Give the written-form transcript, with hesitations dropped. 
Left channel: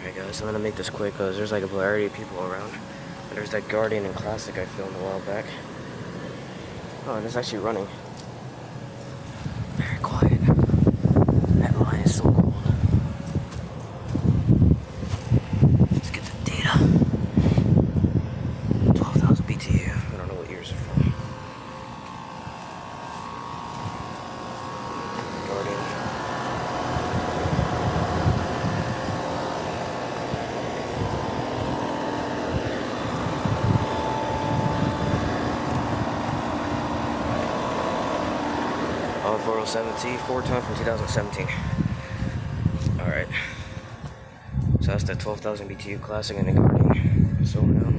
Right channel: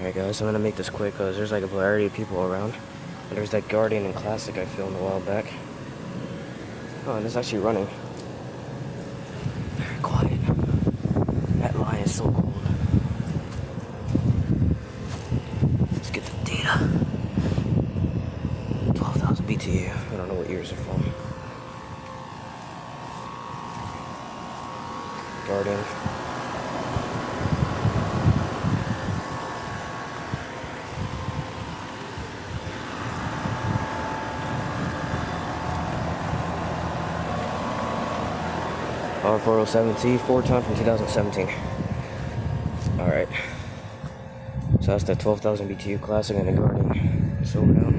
Alright guys, I'm gonna make this quick because there's like a variety of people around. There's that Guardian and Classic I filmed a while back. Oh, and it's actually running. Very quiet. That line is so cold. Let's get the data. 12,000 BTU. I don't know what years it's from. Guardian. R407T, 4-ton from 2017. Alright. So that's the 12,000 BTU Classic and the Guardian. It's over now.